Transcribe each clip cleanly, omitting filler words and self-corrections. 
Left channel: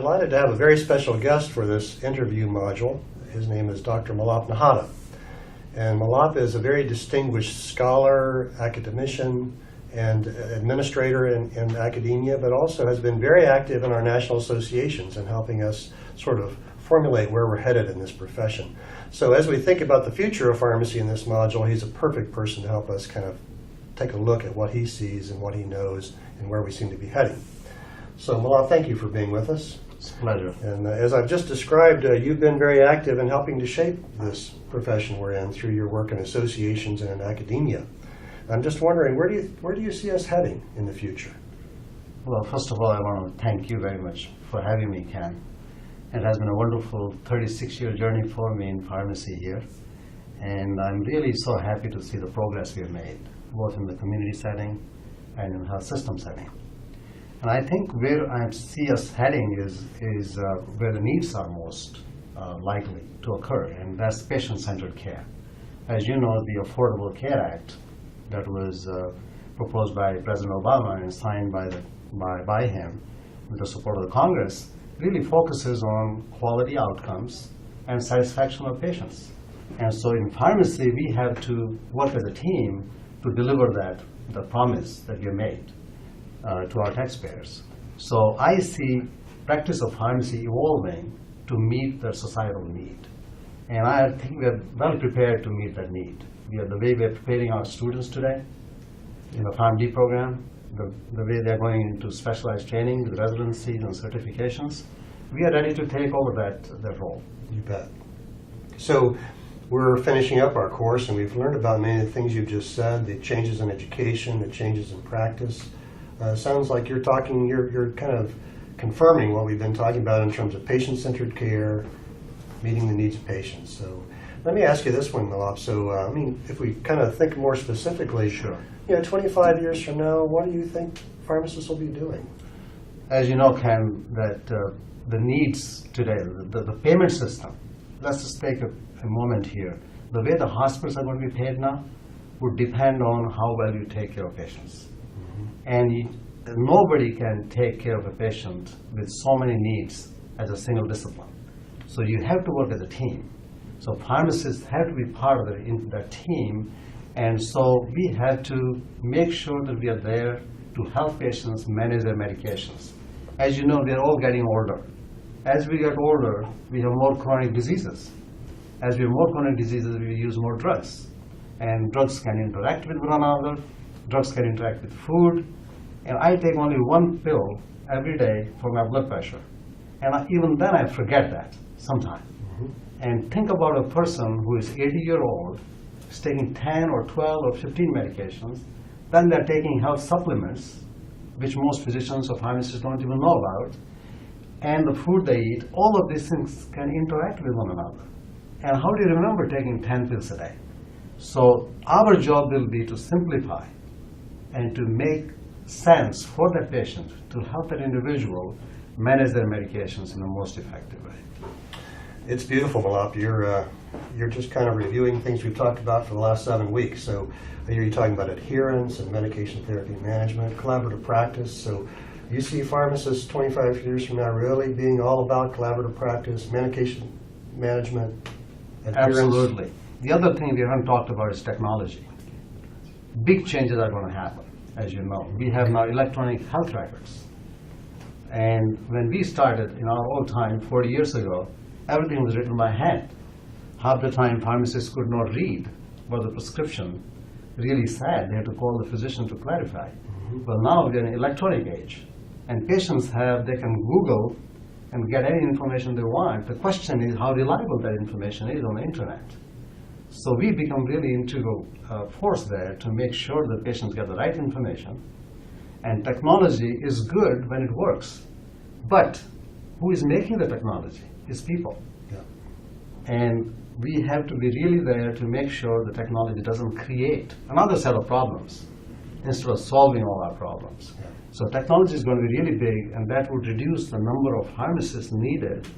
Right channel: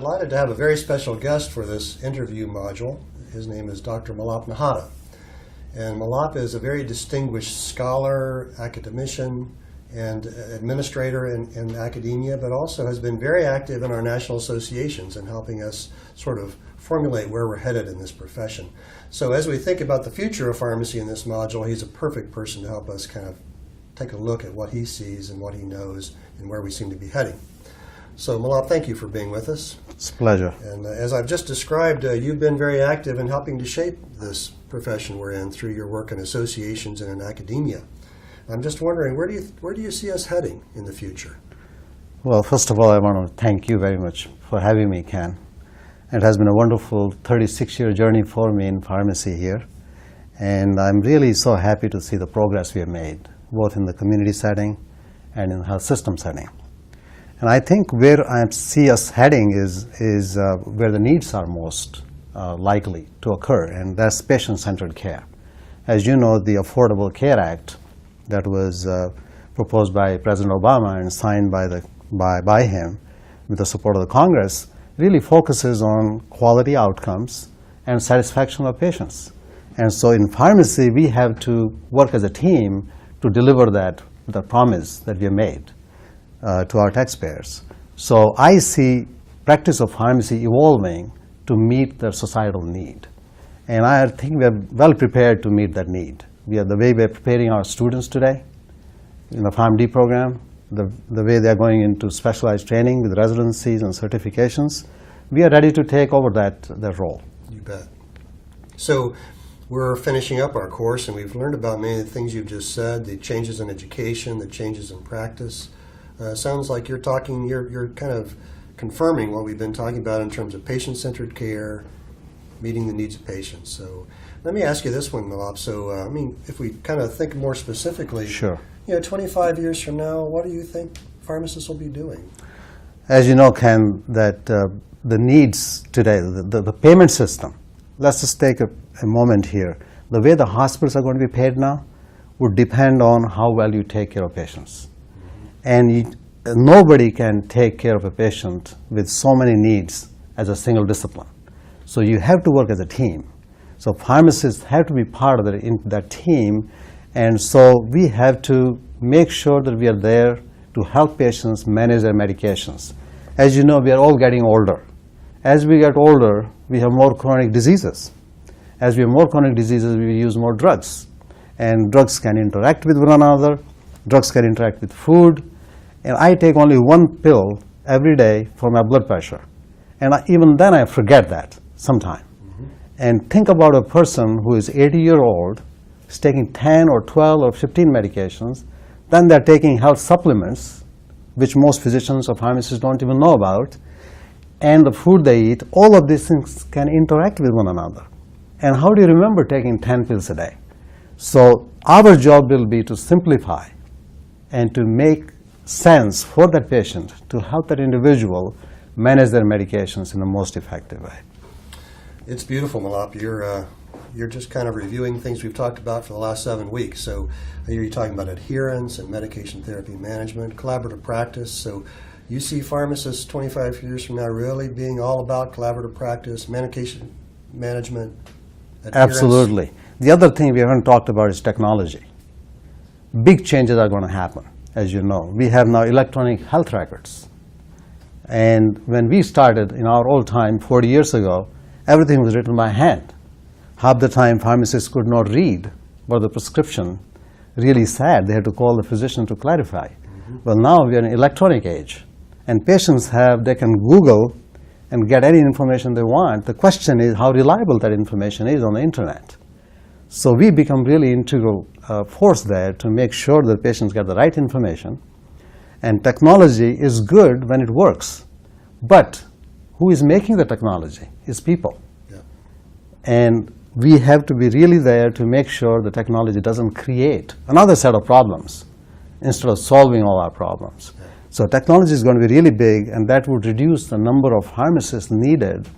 delighted to have a very special guest for this interview module. His name is Dr. Milap Nahata. And Milap is a very distinguished scholar, academician, and administrator in academia, but also has been very active in our national associations and helping us sort of formulate where we're headed in this profession. So as we think about the future of pharmacy in this module, he's a perfect person to help us kind of take a look at what he sees and what he knows and where we seem to be heading. So Milap, thank you for being with us. It's a pleasure. And as I've just described, you've been very active in helping to shape this profession we're in through your work in associations and in academia. I'm just wondering, where do you see us heading in the future? Well, first of all, I want to thank you very much for having me, Ken. It has been a wonderful 36-year journey for me in pharmacy here. And I'm really so happy to see the progress we have made, both in the community setting and in the health system setting. And I think where I see us heading is where the needs are most likely to occur, and that's patient-centered care. As you know, the Affordable Care Act that was proposed by President Obama and signed by him with the support of the Congress really focuses on quality outcomes and satisfaction of patients. And so in pharmacy, we have to work as a team to deliver that, the promise that we have made to our taxpayers. So I see practice of pharmacy evolving to meet the societal need. And I think we are well prepared to meet that need. The way we are preparing our students today in the PharmD program, the way they are going into specialized training with residencies and certifications, we are ready to take over that role. You bet. So we're finishing up our course, and we've learned about many of the things you've just said, the changes in education, the changes in practice. Sounds like you're kind of confirming what we've been talking about in terms of patient-centered care, meeting the needs of patients. So let me ask you this one, Milap. So, I mean, if we kind of think more specifically, sure. 25 years from now, what do you think pharmacists will be doing? As you know, Ken, that the needs today, the payment system, let's just take a moment here. The way the hospitals are going to be paid now would depend on how well you take care of patients. And nobody can take care of a patient with so many needs as a single discipline. So you have to work as a team. So pharmacists have to be part of that team, and so we have to make sure that we are there to help patients manage their medications. As you know, we are all getting older. As we get older, we have more chronic diseases. As we have more chronic diseases, we use more drugs. And drugs can interact with one another. Drugs can interact with food. And I take only one pill every day for my blood pressure. And even then I forget that sometime. And think about a person who is 80-year-old, is taking 10 or 12 or 15 medications, then they're taking health supplements, which most physicians or pharmacists don't even know about, and the food they eat, all of these things can interact with one another. And how do you remember taking 10 pills a day? So our job will be to simplify and to make sense for that patient, to help that individual manage their medications in the most effective way. It's beautiful, Milap. You're just kind of reviewing things we've talked about for the last 7 weeks. So I hear you talking about adherence and medication therapy management, collaborative practice. So you see pharmacists 25 years from now really being all about collaborative practice, medication management, adherence? Absolutely. The other thing we haven't talked about is technology. Big changes are going to happen, as you know. We have now electronic health records. And when we started in our old time, 40 years ago, everything was written by hand. Half the time, pharmacists could not read what the prescription really said. They had to call the physician to clarify. Well, now we are in an electronic age, and patients they can Google and get any information they want. The question is how reliable that information is on the internet. So we become really integral force there to make sure that patients get the right information. And technology is good when it works. But who is making the technology is people. Yeah. And we have to be really there to make sure the technology doesn't create another set of problems instead of solving all our problems. Yeah. So technology is going to be really big, and that would reduce the number of pharmacists needed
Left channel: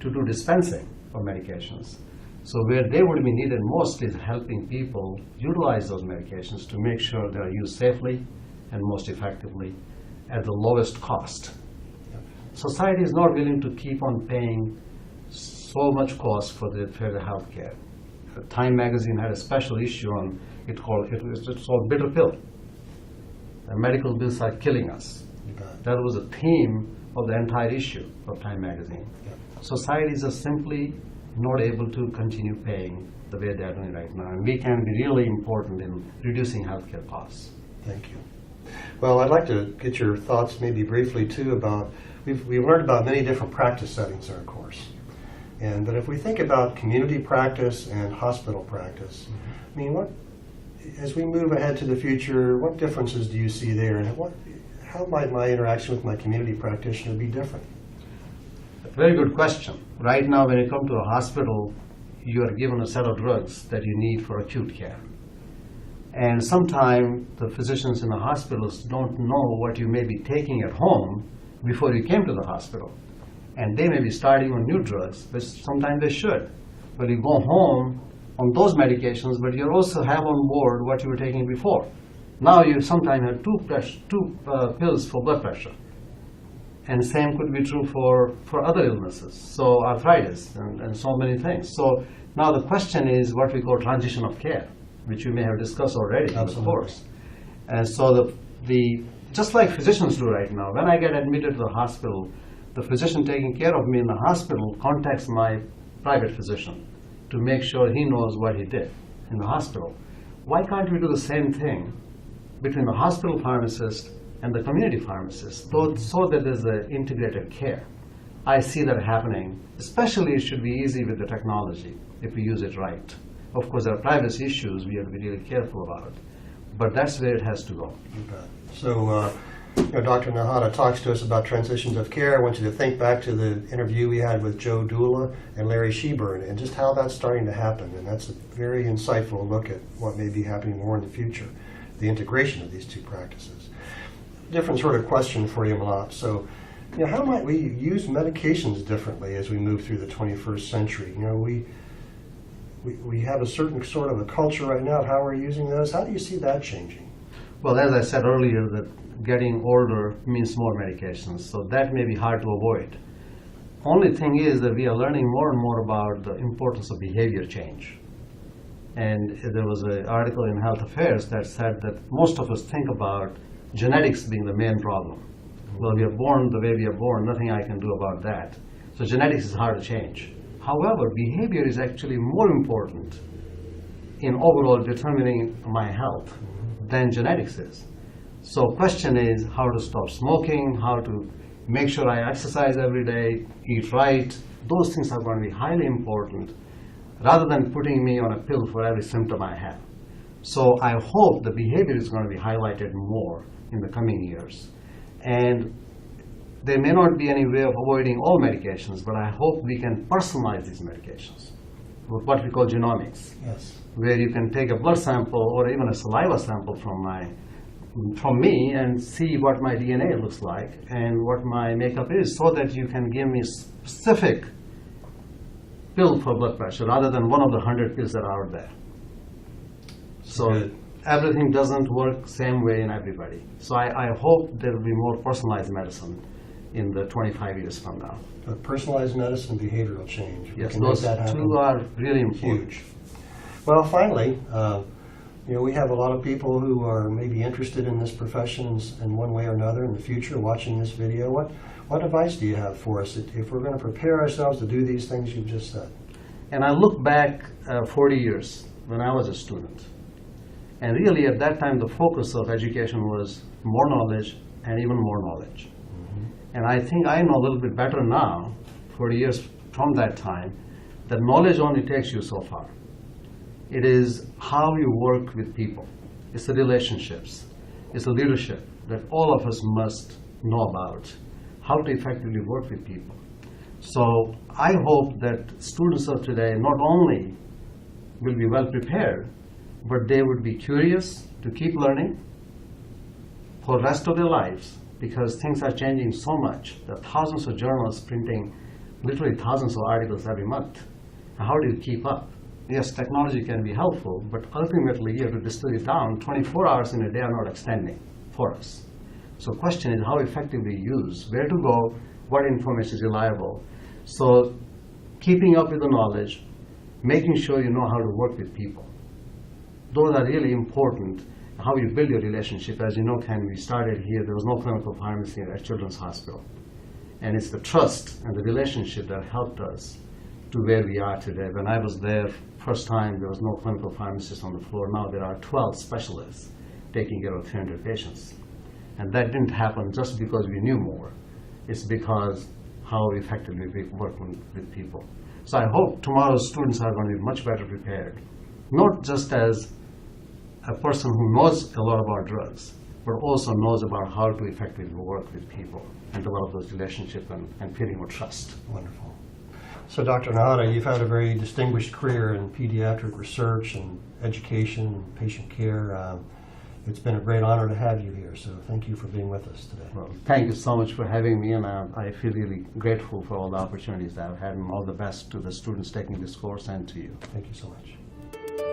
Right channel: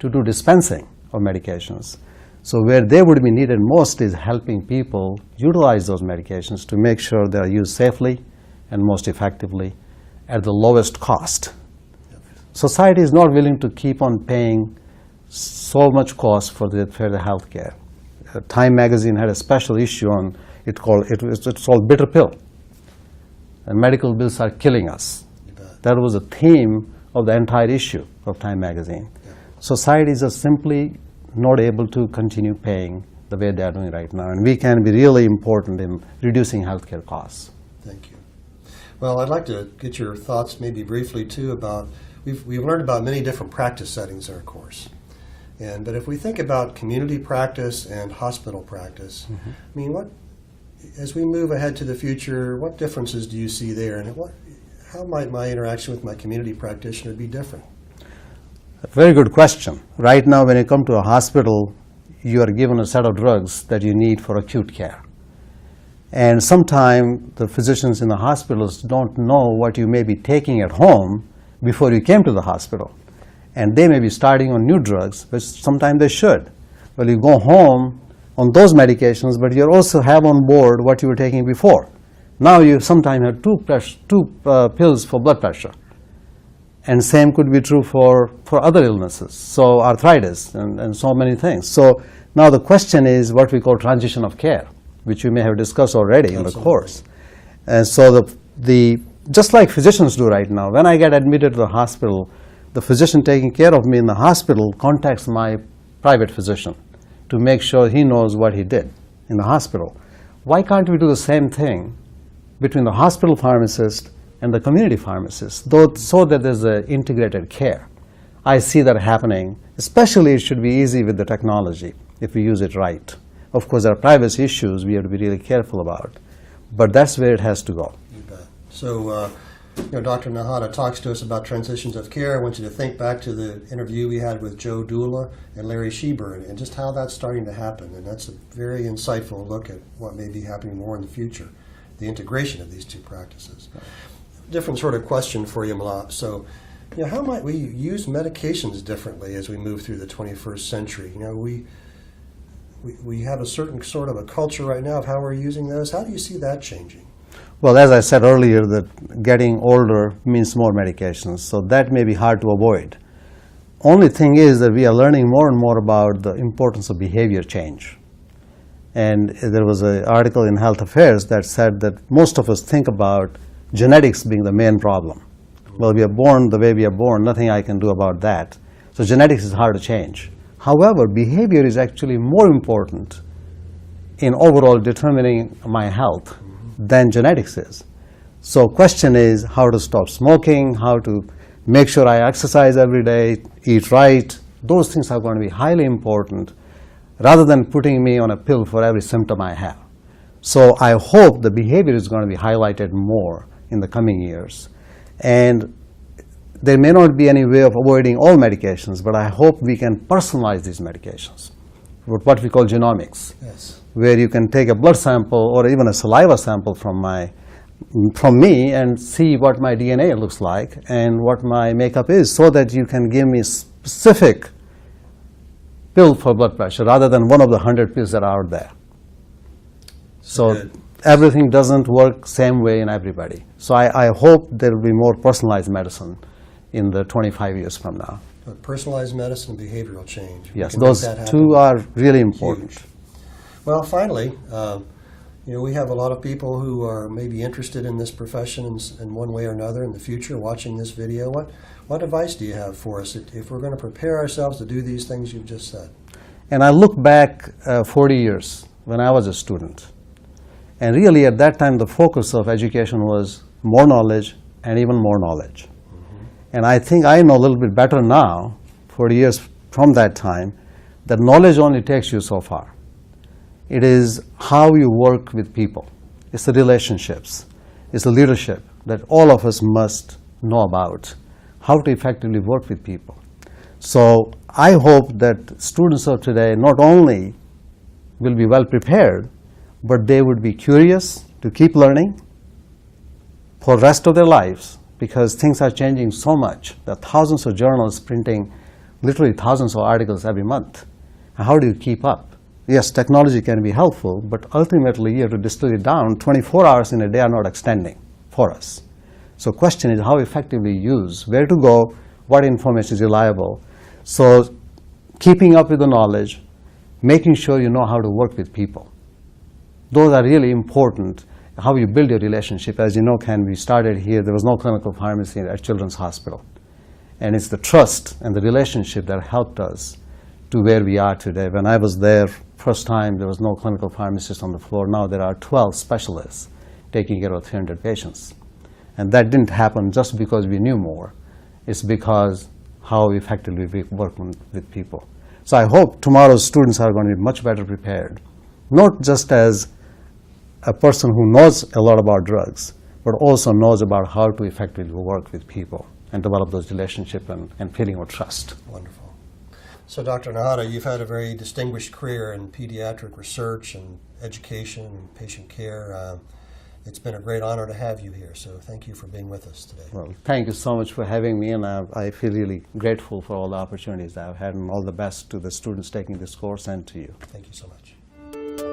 to do dispensing of medications. So where they would be needed most is helping people utilize those medications to make sure they are used safely and most effectively at the lowest cost. Society is not willing to keep on paying so much cost for the health care. Time magazine had a special issue on it's called bitter pill. The medical bills are killing us. That was a theme of the entire issue of Time magazine. Societies are simply not able to continue paying the way they are doing right now, and we can be really important in reducing healthcare costs. Thank you. Well, I'd like to get your thoughts maybe briefly too about, we've learned about many different practice settings in our course. But if we think about community practice and hospital practice, I mean, as we move ahead to the future, what differences do you see there, and how might my interaction with my community practitioner be different? A very good question. Right now, when you come to a hospital, you are given a set of drugs that you need for acute care. And sometimes the physicians in the hospitals don't know what you may be taking at home before you came to the hospital. And they may be starting on new drugs, which sometimes they should. Well, you go home on those medications, but you also have on board what you were taking before. Now you sometimes have two pills for blood pressure. And same could be true for other illnesses, so arthritis and so many things. So now the question is what we call transition of care, which we may have discussed already in the course. And so just like physicians do right now, when I get admitted to the hospital, the physician taking care of me in the hospital contacts my private physician to make sure he knows what he did in the hospital. Why can't we do the same thing between the hospital pharmacist and the community pharmacist, so that there's an integrated care? I see that happening. Especially it should be easy with the technology if we use it right. Of course, there are privacy issues we have to be really careful about, but that's where it has to go. You bet. So, Dr. Nahata talks to us about transitions of care. I want you to think back to the interview we had with Joe Dula and Larry Sheburn and just how that's starting to happen. And that's a very insightful look at what may be happening more in the future, the integration of these two practices. Different sort of question for you, Milap. So, how might we use medications differently as we move through the 21st century? We have a certain sort of a culture right now of how we're using those. How do you see that changing? Well, as I said earlier, that getting older means more medications, so that may be hard to avoid. Only thing is that we are learning more and more about the importance of behavior change. And there was an article in Health Affairs that said that most of us think about genetics being the main problem. Well, we are born the way we are born, nothing I can do about that. So genetics is hard to change. However, behavior is actually more important in overall determining my health than genetics is. So question is how to stop smoking, how to make sure I exercise every day, eat right. Those things are going to be highly important rather than putting me on a pill for every symptom I have. So I hope the behavior is going to be highlighted more in the coming years. And there may not be any way of avoiding all medications, but I hope we can personalize these medications, what we call genomics. Yes. Where you can take a blood sample or even a saliva sample from me and see what my DNA looks like and what my makeup is, so that you can give me specific pill for blood pressure rather than one of the 100 pills that are out there. So good. Everything doesn't work same way in everybody. So I hope there will be more personalized medicine in the 25 years from now. But personalized medicine and behavioral change. Yes, those two are really important. Huge. Well, finally, we have a lot of people who are maybe interested in this profession in one way or another in the future watching this video. What advice do you have for us if we're going to prepare ourselves to do these things you've just said? And I look back 40 years when I was a student. And really at that time the focus of education was more knowledge and even more knowledge. And I think I know a little bit better now, 40 years from that time, that knowledge only takes you so far. It is how you work with people. It's the relationships. It's the leadership that all of us must know about, how to effectively work with people. So I hope that students of today not only will be well prepared, but they would be curious to keep learning for the rest of their lives, because things are changing so much. There are thousands of journals printing literally thousands of articles every month. How do you keep up? Yes, technology can be helpful, but ultimately you have to distill it down. 24 hours in a day are not extending for us. So question is how effectively use, where to go, what information is reliable. So keeping up with the knowledge, making sure you know how to work with people. Those are really important, how you build your relationship. As you know, Ken, we started here, there was no clinical pharmacy at Children's Hospital. And it's the trust and the relationship that helped us to where we are today. When I was there first time, there was no clinical pharmacist on the floor. Now there are 12 specialists taking care of 300 patients. And that didn't happen just because we knew more. It's because how effectively we work with people. So I hope tomorrow's students are going to be much better prepared, not just as a person who knows a lot about drugs, but also knows about how to effectively work with people and develop those relationships and feeling of trust. Wonderful. So Dr. Nahata, you've had a very distinguished career in pediatric research and education and patient care. It's been a great honor to have you here, so thank you for being with us today. Well, thank you so much for having me, and I feel really grateful for all the opportunities that I've had, and all the best to the students taking this course and to you. Thank you so much.